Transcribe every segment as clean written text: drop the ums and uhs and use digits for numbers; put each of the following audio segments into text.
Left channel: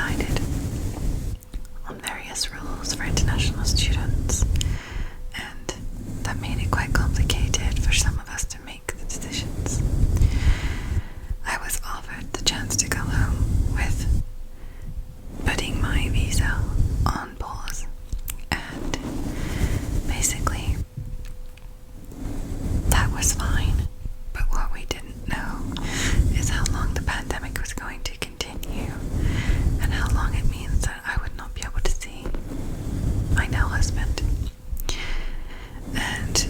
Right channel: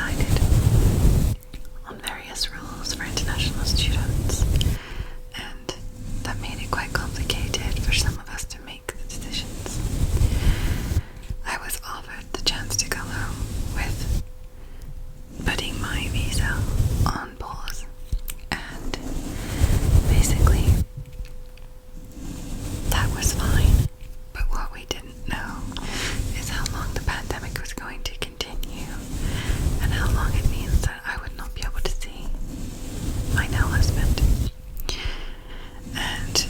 decided on various rules for international students, and that made it quite complicated for some of us to make the decisions. I was offered the chance to go home with putting my visa on pause, and basically that was fine. But what we didn't know is how long the pandemic was going to continue, and how long it means that I would not be able to see my now husband. And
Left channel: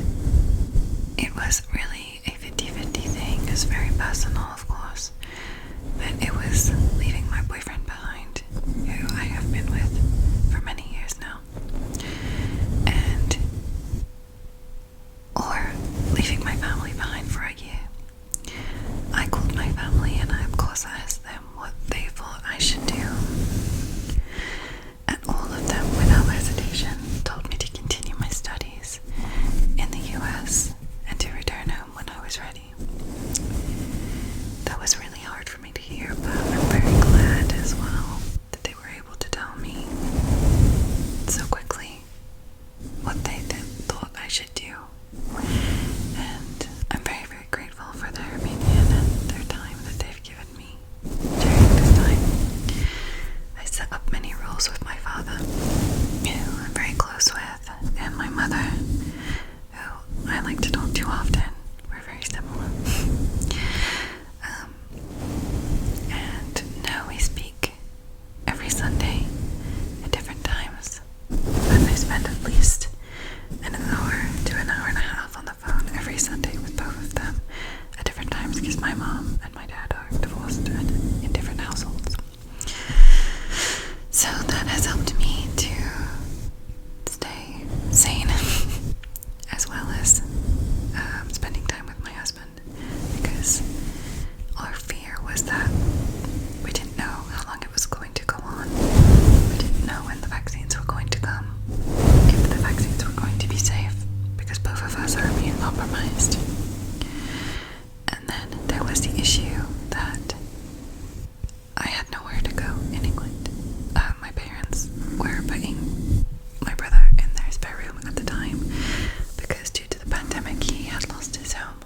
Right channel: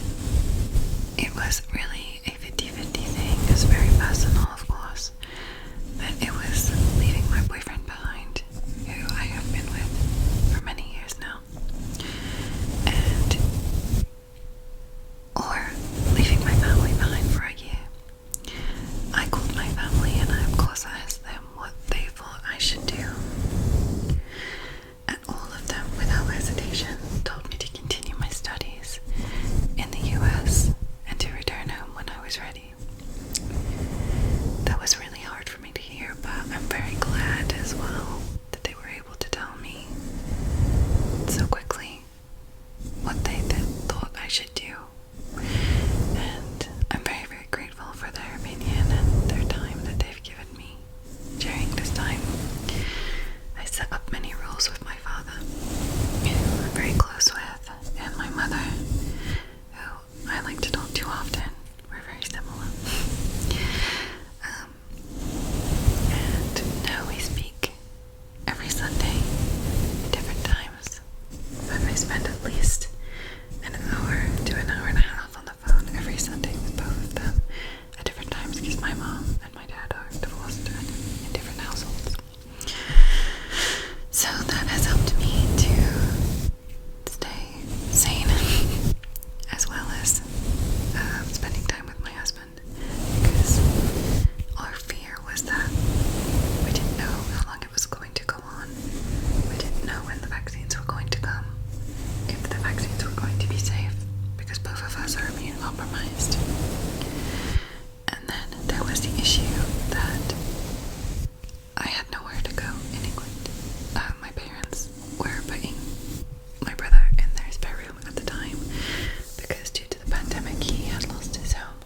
it was really a 50-50 thing. It was very personal, of course, but it was leaving my boyfriend behind, who I have been with for many years now, and or leaving my family behind for a year. I called my family and I of course asked them what they thought I should do, and all of them without hesitation told me to continue my studies in the US and to return home when I was ready. That was really hard for me to hear, but I'm very glad as well that they were able to tell me so quickly what they thought I should do. And I'm very, very grateful for their opinion and their time that they've given me during this time. I set up many rules with my father, who I'm very close with, and my mother, who I like to talk to often. We're very similar. And now we speak every Sunday at different times, but I spend at least an hour to an hour and a half on the phone every Sunday with both of them at different times, because my mom and my dad are divorced and in different households. So that has helped me to stay sane as well as spending time with my husband, because our fear was that we didn't know how long it was going to go on. We didn't know when the vaccines were going to come, if the vaccines were going to be safe, because both of us are immune compromised. And then there was the issue that I had nowhere to go in England. My parents were putting my brother in their spare room at the time, because due to the pandemic he had lost his home.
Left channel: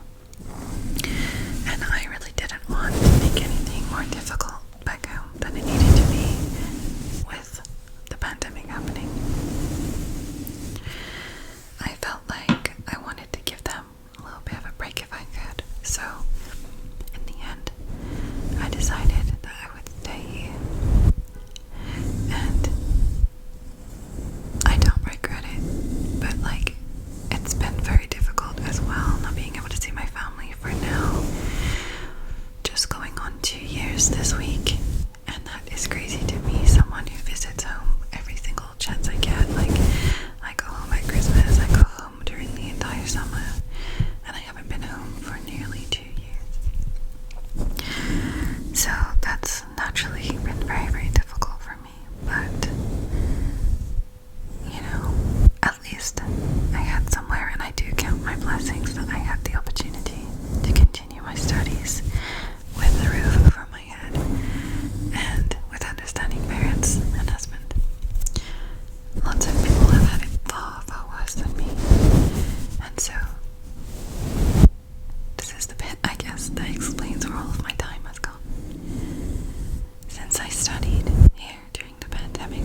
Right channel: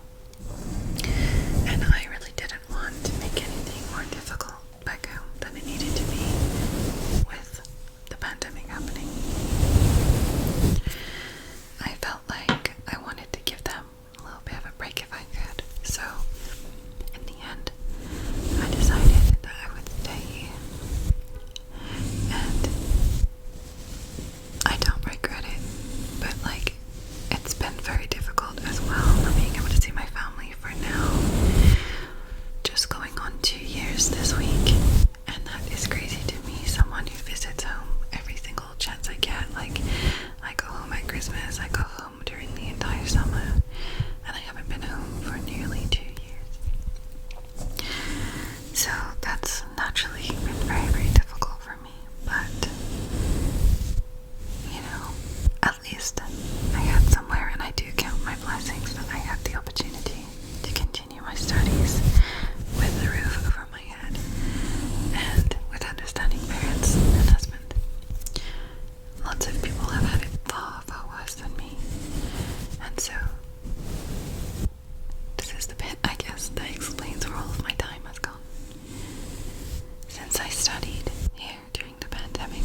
And I really didn't want to make anything more difficult back home than it needed to be with the pandemic happening. I felt like I wanted to give them a little bit of a break if I could. So in the end, I decided that I would stay here. And I don't regret it, but like, it's been very difficult as well, not being able to see my family for now just going on 2 years this week. And that is crazy to me, someone who visits home every single chance I get. Like, I go home at Christmas, I go home during the entire summer, and I haven't been home for nearly 2 years. So that's naturally been very, very difficult for me, but you know, at least I had somewhere, and I do count my blessings that I had the opportunity to continue my studies with the roof over my head and with understanding parents and husband. Lots of people have had it far, far worse than me, and so this is the bit, I guess, that explains where all of my time has gone. Since I studied here during the pandemic,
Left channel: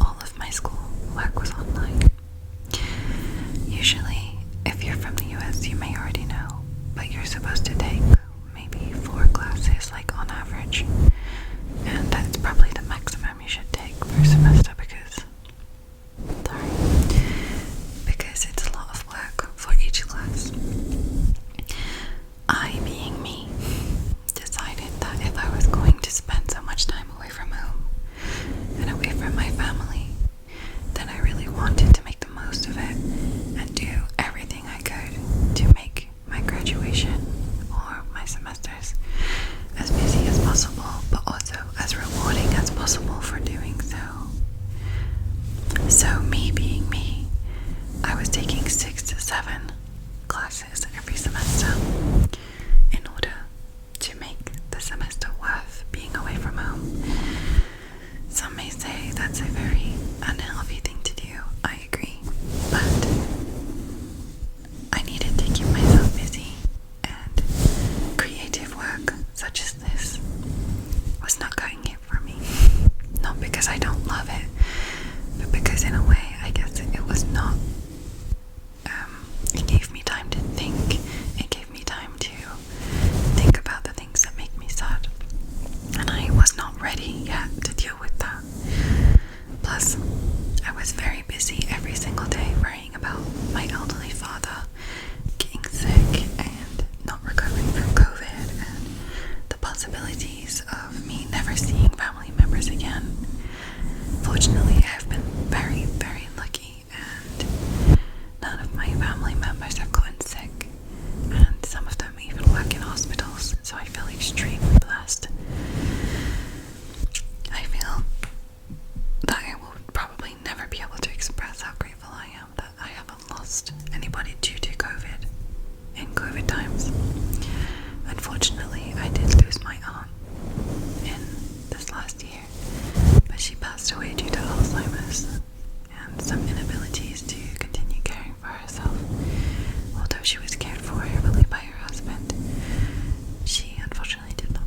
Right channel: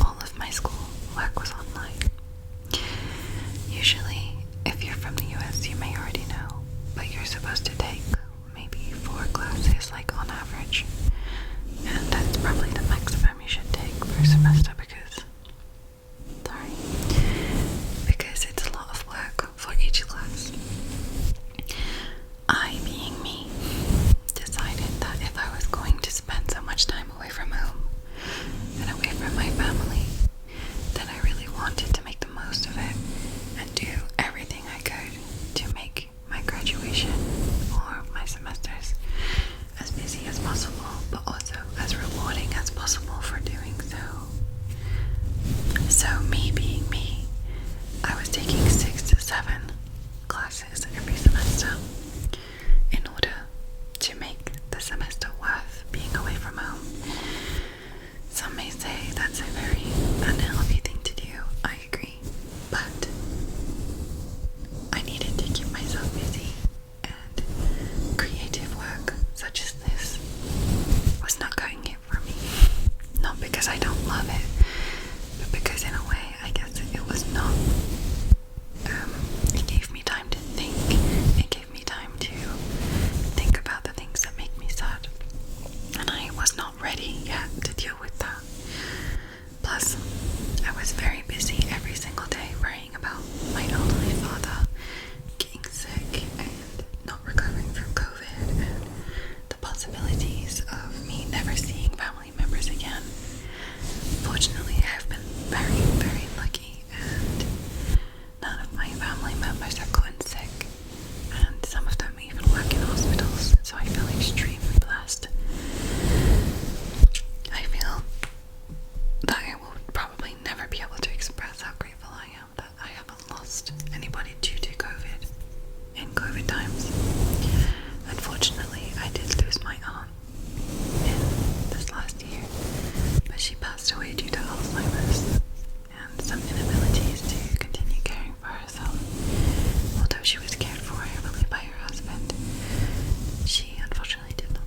all of my school work was online. Usually, if you're from the US, you may already know, but you're supposed to take maybe 4 classes, like on average, and that's probably the maximum you should take per semester, because it's a lot of work for each class. I, being me, decided that if I was going to spend so much time away from home and away from my family, then I really wanted to make the most of it and do everything I could to make my graduation or my semesters as busy as possible, but also as rewarding as possible for doing so. So me being me, I was taking 6 to 7 classes every semester in order to make the semester worth being away from home. some may say that's a very unhealthy thing to do. I agree. But I needed to keep myself busy, and creative work such as this was not cutting it for me. Not because I don't love it, but because in a way, I guess it was not. It gave me time to think. It gave me time to think about the things that make me sad. And I was not ready yet to deal with that. Plus, I was very busy every single day worrying about my elderly father getting sick and not recovering from COVID and the possibilities of me never seeing family members again. Fortunately, I've been very, very lucky, and none of my family members have gotten sick, and some of them even work in hospitals, so I feel extremely blessed. I feel that I will probably never be able to express how grateful I am that I haven't lost anybody due to COVID in COVID times. Unfortunately, I did lose my aunt in this last year, but she passed away due to Alzheimer's and some inabilities to continue caring for herself. Although she was cared for heavily by her husband, she unfortunately did not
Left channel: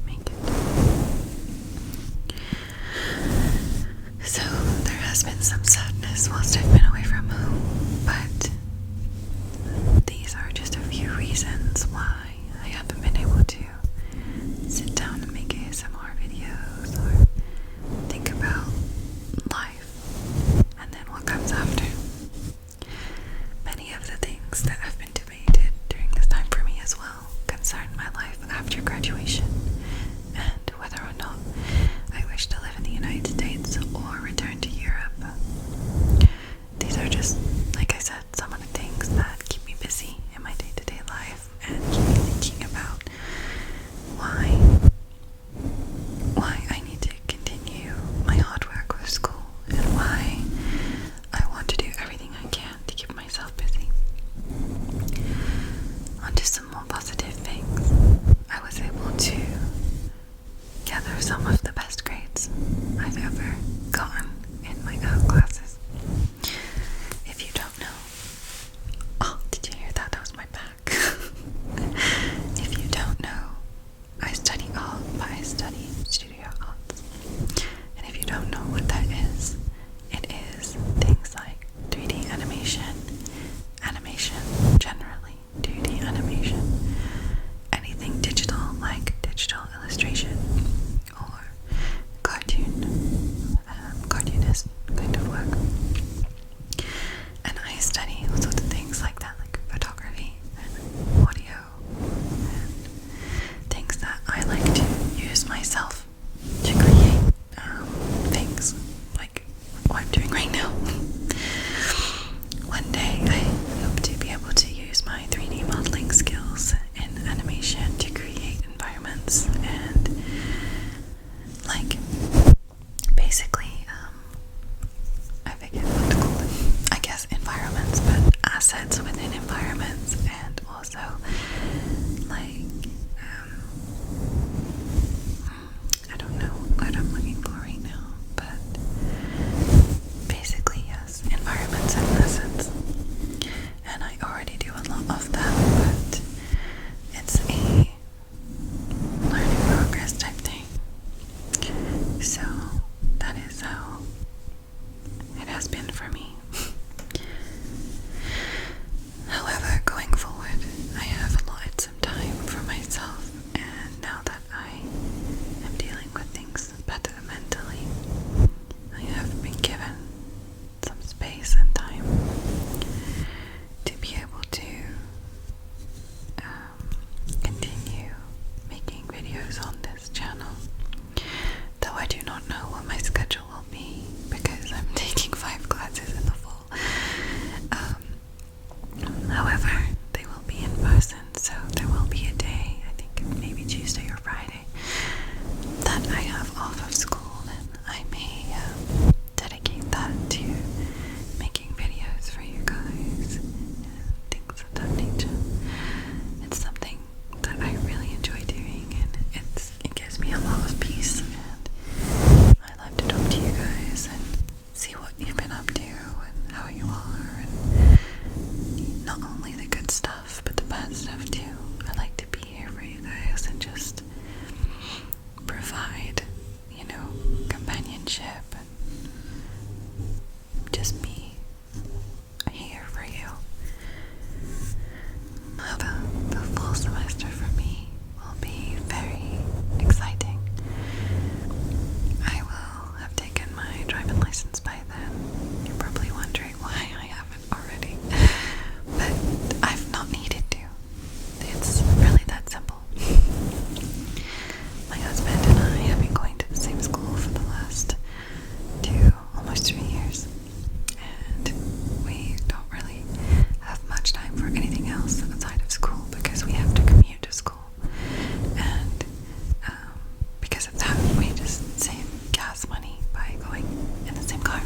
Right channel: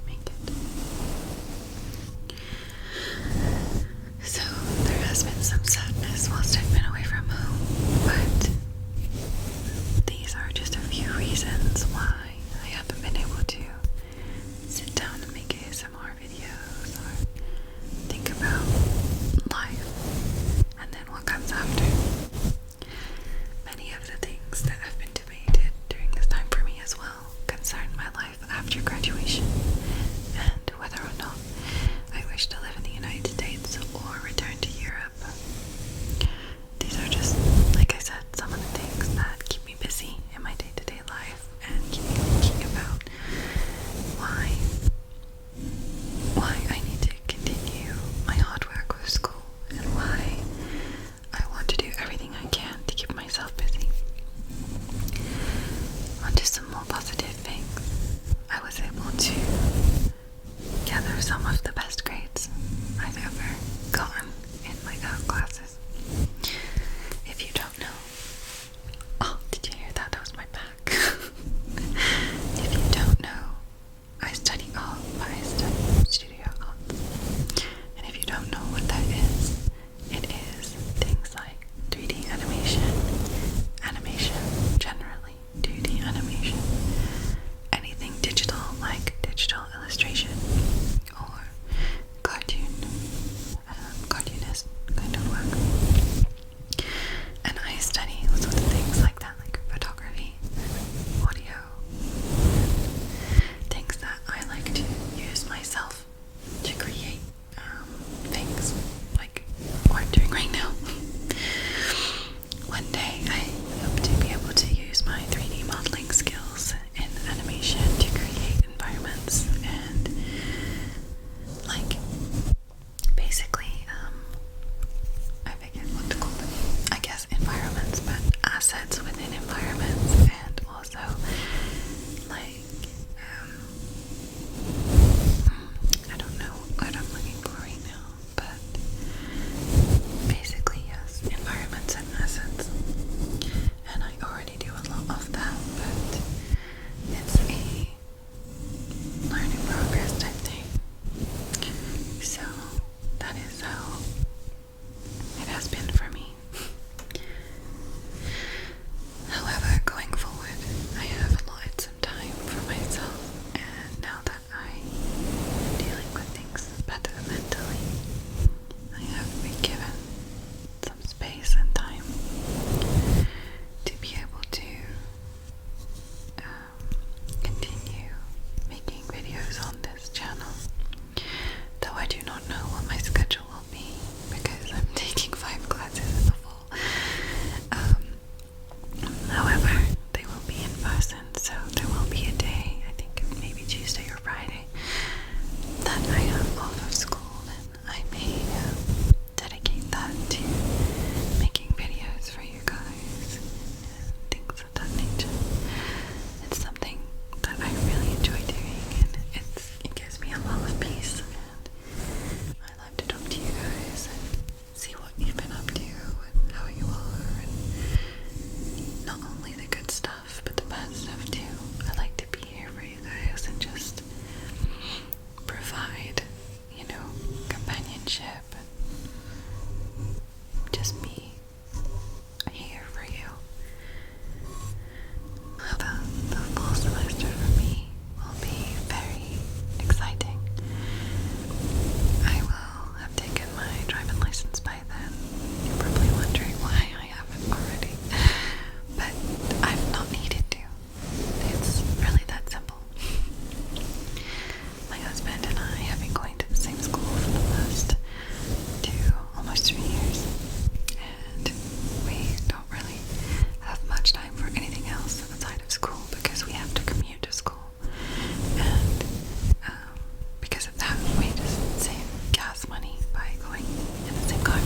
because of that, we just save gas money by going in the same car.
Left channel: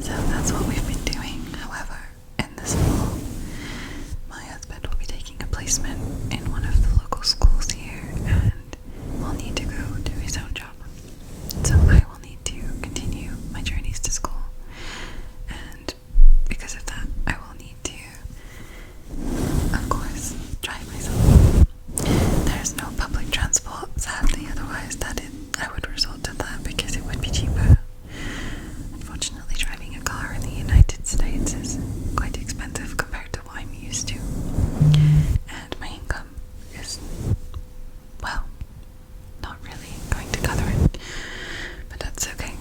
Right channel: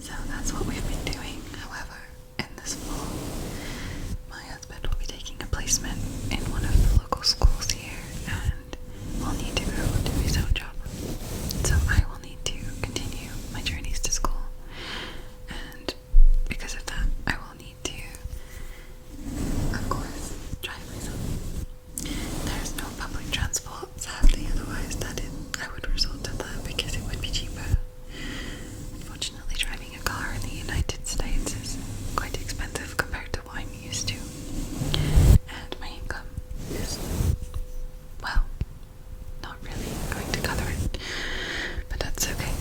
So that's what we've been doing. However, in this fall, my husband will be taking a placement in one of the local schools here and will need to go do his own job. So I will need to continue my journeys to school, and because of that, I will need to, of course, drive myself. There's no public transport, sadly, otherwise I would resort to that because it would be cheaper. Unfortunately, driving a car in the United States is quite expensive compared to what I'm used to, and my income is, well, not really going to cover it, but that's okay.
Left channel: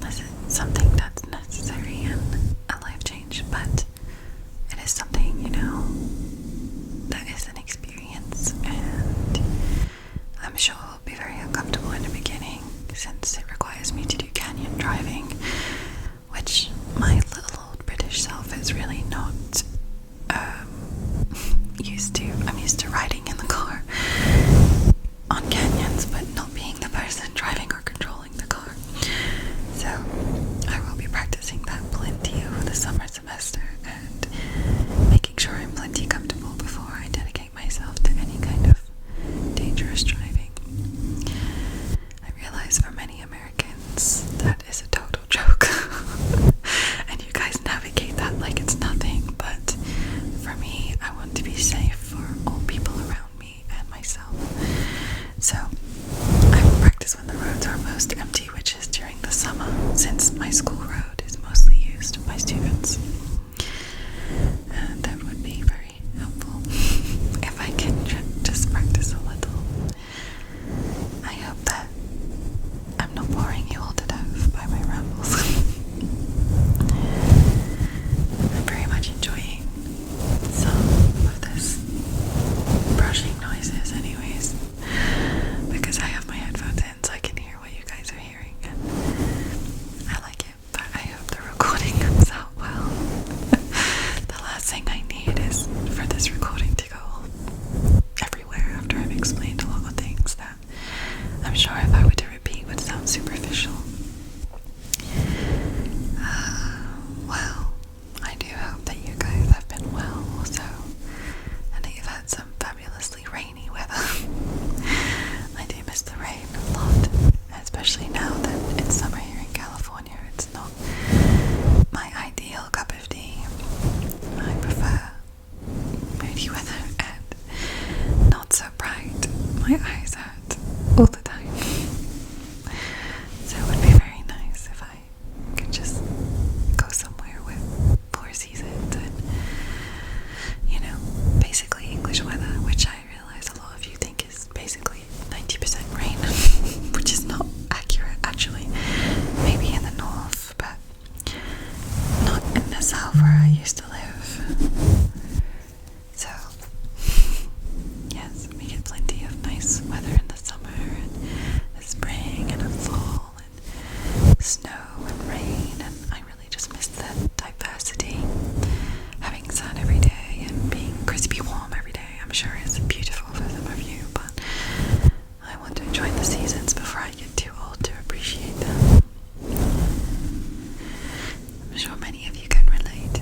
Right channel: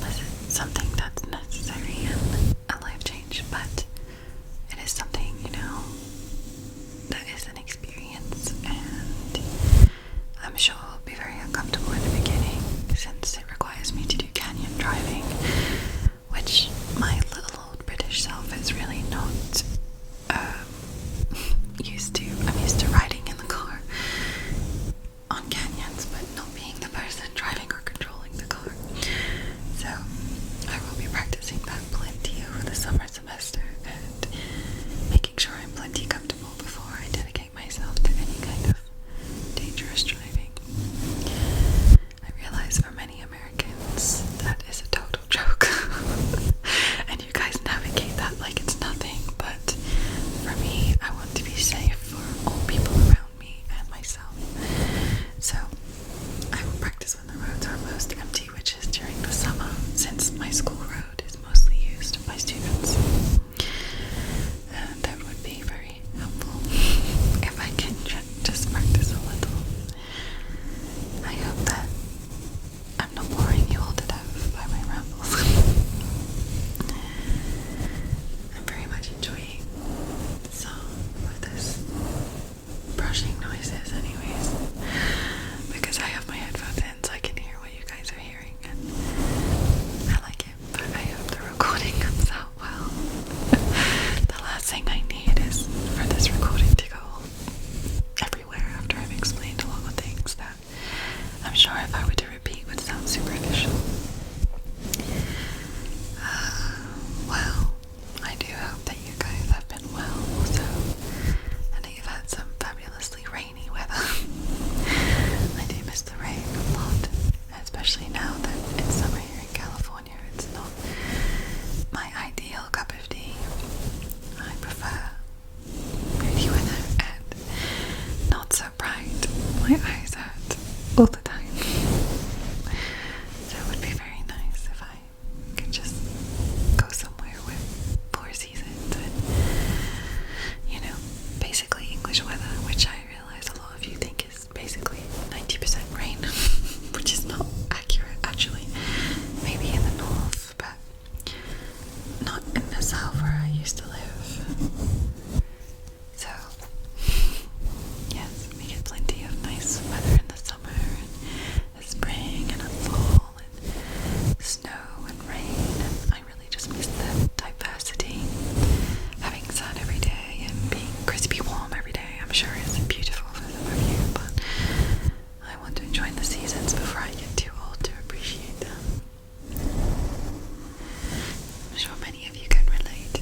This is something that's necessary and a life change, but it is something, that is an experience, and I'm sure it will be very uncomfortable in the beginning since it requires me to do canyon driving, which my little old British self is really not used to. I'm used to riding in the car on canyons, but not being the person driving or controlling the car. So I will be practicing that plenty over the summer semester and making sure I'm plenty comfortable before I dedicate myself to any kind of dangerous driving. I realize for many Americans that is a total joke and you guys navigate that like it's nothing, but for me, I want to be safe for all people around me and myself. So I will practice when the roads are most empty, which is during the summer, since my school road is mostly used by students. And that would be very helpful if I can just practice a little. I hope that I'm not boring you all to death by my rambles. I'm very much enjoying some of this brushing noises anyways, because I have my headphones in so I can hear what you guys are hearing, and I like it, but I hope the recording comes out well. The last thing I need is for this recording to go everywhere after I've explained a lot of things that I'm sure if I were to repeat would sound superficial. Well, I do hope that you guys have been well also, and that you've had some fabulously rainy weather. I do miss the rain a lot, especially now that it's summer here in California. It's not my ideal cup of tea. I prefer moody weather and not so bright. My eyes hurt all the time. So it would be very nice if I could just go somewhere with 4 seasons and, basically English weather, which I realize a lot of you think is basically 90% rain, which is not accurate actually. Maybe in the north, but not in the south where I used to live. So, yes, we get plenty of nice weather in the summer and the spring and the fall and snow and rain, and I really just miss the diversity. Having sun every day and being crispy warm every day, I'm sure is beautiful for some of you, but I want to enjoy the seasons before I get too old to appreciate them. I'm sure many of you can relate.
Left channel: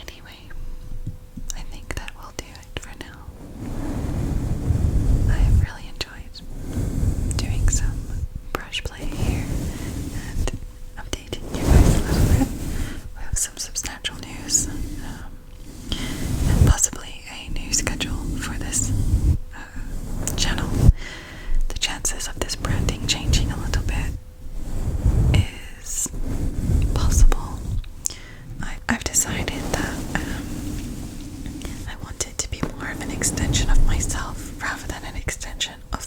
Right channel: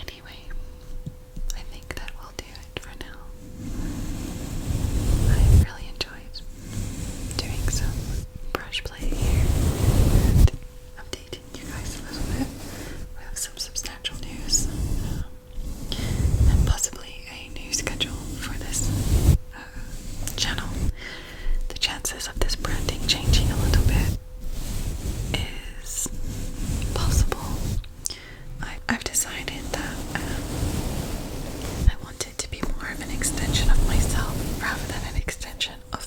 Anyway, I think that will do it for now. I really enjoyed doing some brush play here and updating you guys a little bit. We have some substantial news, and possibly a new schedule for this channel. The chances of this branding changing a little bit is possible. I've decided that I want it to be more of an extension of myself rather than an extension of